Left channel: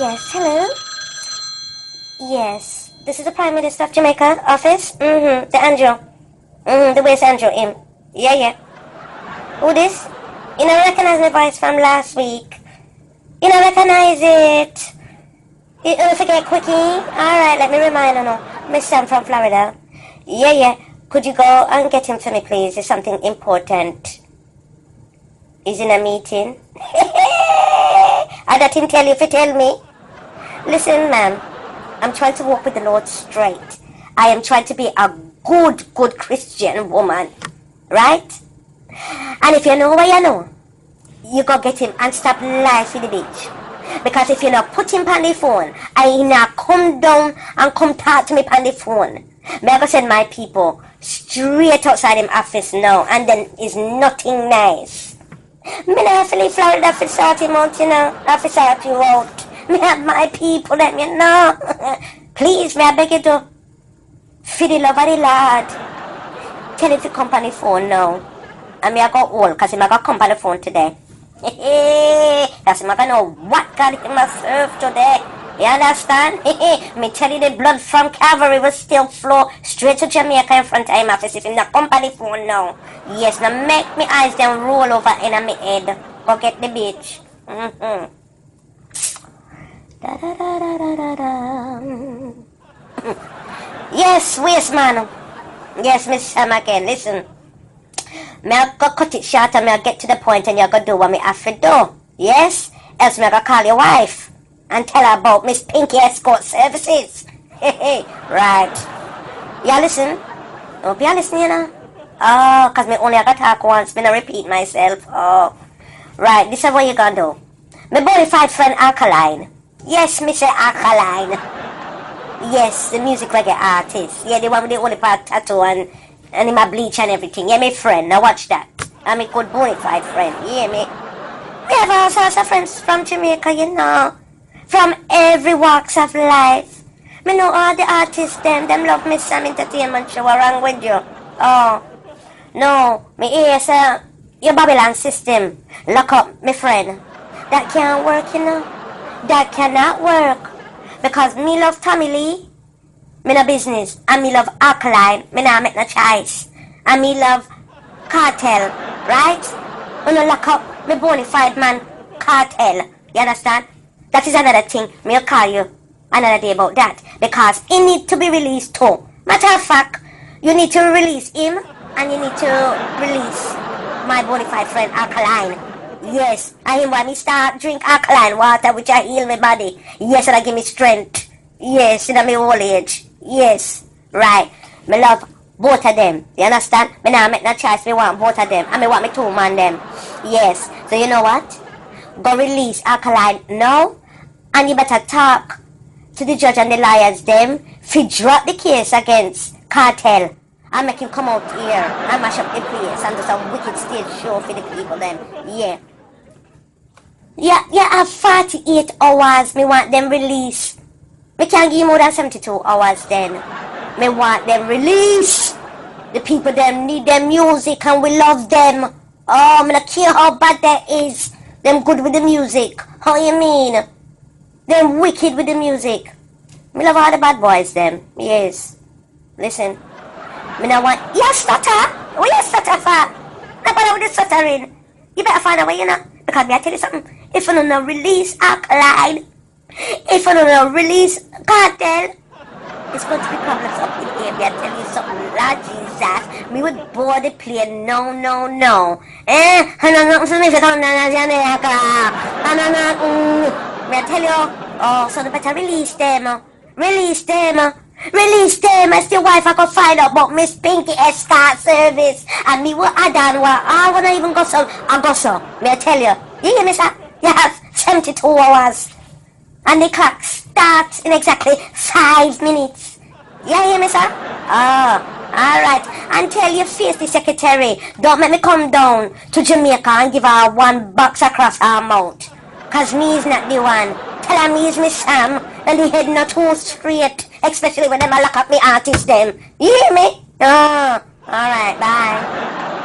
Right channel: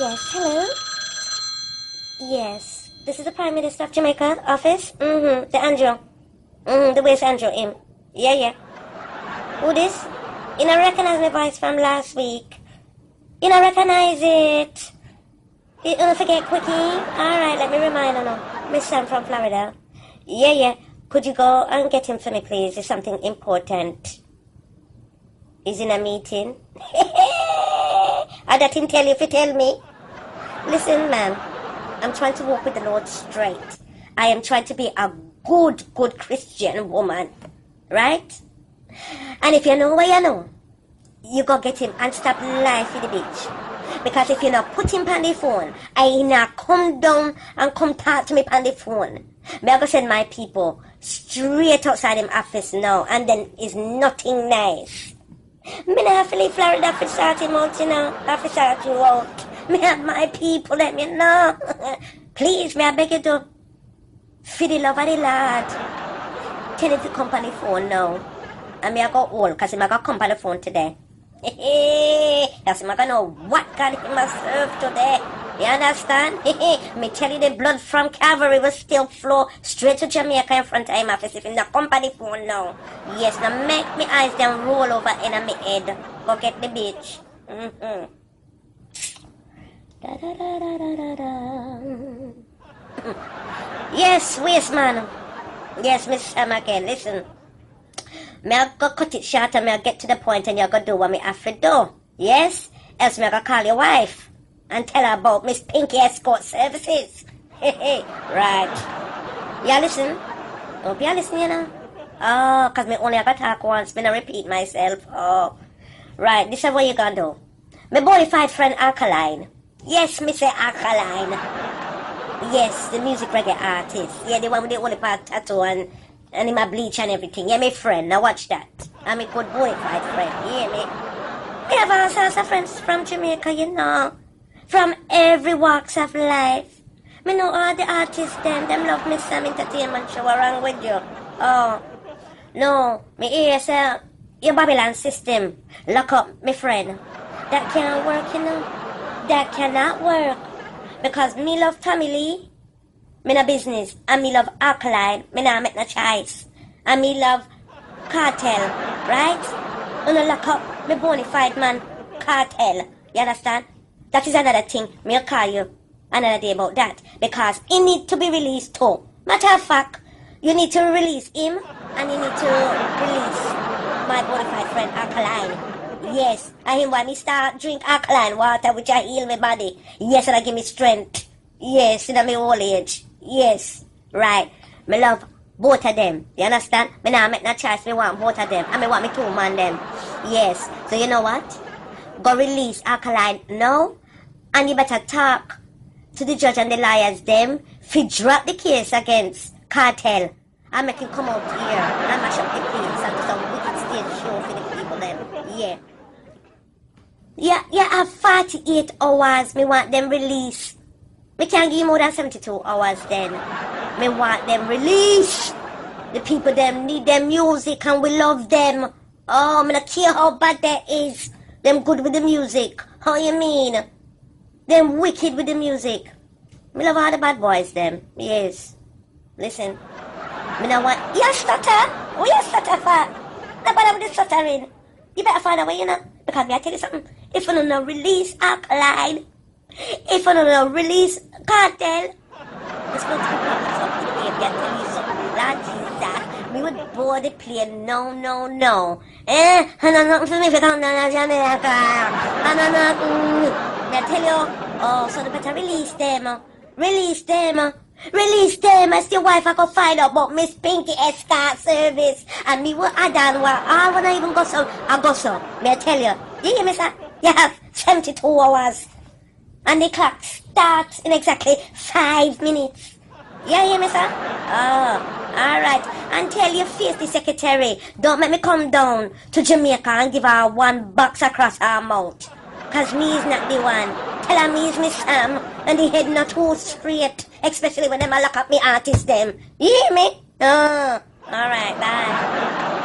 Yes, hello? Yes, this is the Prime Minister of Jamaica office? Mm-hmm, the Andrew. Mm-hmm, the West Andrew, him. Yeah, yeah. Who this? You don't recognize my voice from last week. You don't recognize it. You don't forget quickie? Alright, let me remind you now. Miss Sam from Florida. Yeah, yeah. Could you go and get him for me, please? It's something important. He's in a meeting. I let him tell you if you tell me. Listen, ma'am. I'm trying to walk with the Lord straight. I am trying to be a good Christian woman. Right? And if you know what you know, you go get him and stop lying for the bitch. Because if you not put him on the phone, I not come down and come talk to me on the phone. Me I go send my people straight outside him office now, and then is nothing nice. Me not feel in Florida for 30 months, you know. I for 30 you out. Me have my people, let me know. Please, me I beg you to. For the love of the Lord. Tell it to come on the phone now. And me I go old, because him I got come on the phone today. That's him I know what God it must serve today. You understand? Me tell you the blood from Calvary will still flow straight to Jamaica in front of him office if him not come on the phone now. Yes, now make me eyes them roll over in my head. Go get the bitch. Mm-hmm. Da, da, da, da, da, da. Yes, waste man. Yes, Miss Sam again. Listen. Me I go cut it short and me I get to the point and you go do what me have to do. Yes? Else me I go call your wife and tell her about Miss Pinky Escort Services. Right. You listen? Don't be listening, you know? Oh, because me only I got talk once. Me not repeat myself. Oh. Right, this is what you gonna do. My bona fide friend Alkaline. Yes, me say Alkaline. Yes, the music reggae artist. Yeah, the one with the only part tattoo and in my bleach and everything. Yeah, my friend. Now watch that. I'm a good bona fide friend. Yeah, me. We have all sorts of friends from Jamaica, you know. From every walks of life. Me know all the artists, them love me some entertainment show around with you. Oh. No, me hear, sir. Your Babylon system. Lock up, my friend. That can't work, you know. That cannot work. Because me love Tommy Lee. Me no business. And me love Alkaline. Me nah make no choice. And me love Kartel. Right? Me no lock up me bona fide man Kartel. You understand? That is another thing. Me'll call you another day about that. Because he need to be released too. Matter of fact, you need to release him. And you need to release my bona fide friend Alkaline. Yes. And when he start drink alkaline water which I heal my body. Yes, and I give me strength. Yes, in my old age. Yes, right. Me love both of them. You understand? Me now make no choice. Me want both of them. And me want me two man them. Yes. So you know what? Go release Alkaline now. And you better talk to the judge and the lawyers them. If drop the case against Kartel. And make him come out here and mash up the place and do some wicked stage show for the people them. Yeah. Yeah, have 48 hours. Me want them released. We can't give more than 72 hours then. Me want them released. The people them need them music and we love them. Oh, me not care how bad that is. Them good with the music. How you mean? Them wicked with the music. Me love all the bad boys them. Yes. Listen. Me not want... You stutter? What you stutter for? Not bother with the stuttering. You better find a way, you know. Because me I tell you something. If you don't release Alkaline, if you don't release Kartel, it's going to be a problem. I tell you something. Lord Jesus, we would board the plane. No. And I'm not for me if you don't know Jamaica. I tell you, oh, so you better release them. Release them. As the wife I could find out about Miss Pinky Escort Service. And me what I done what I wanna even go so. I go so. Me I tell you. You hear me, sir? You have 72 hours. And the clock starts in exactly 5 minutes. You hear me, sir? Oh, alright. And tell your face the secretary, don't make me come down to Jamaica and give her one box across her mouth. Cause me is not the one. Tell her me is Miss Sam, and the head not too straight. Especially when them a lock up me artist them. You hear me? Oh, alright, bye.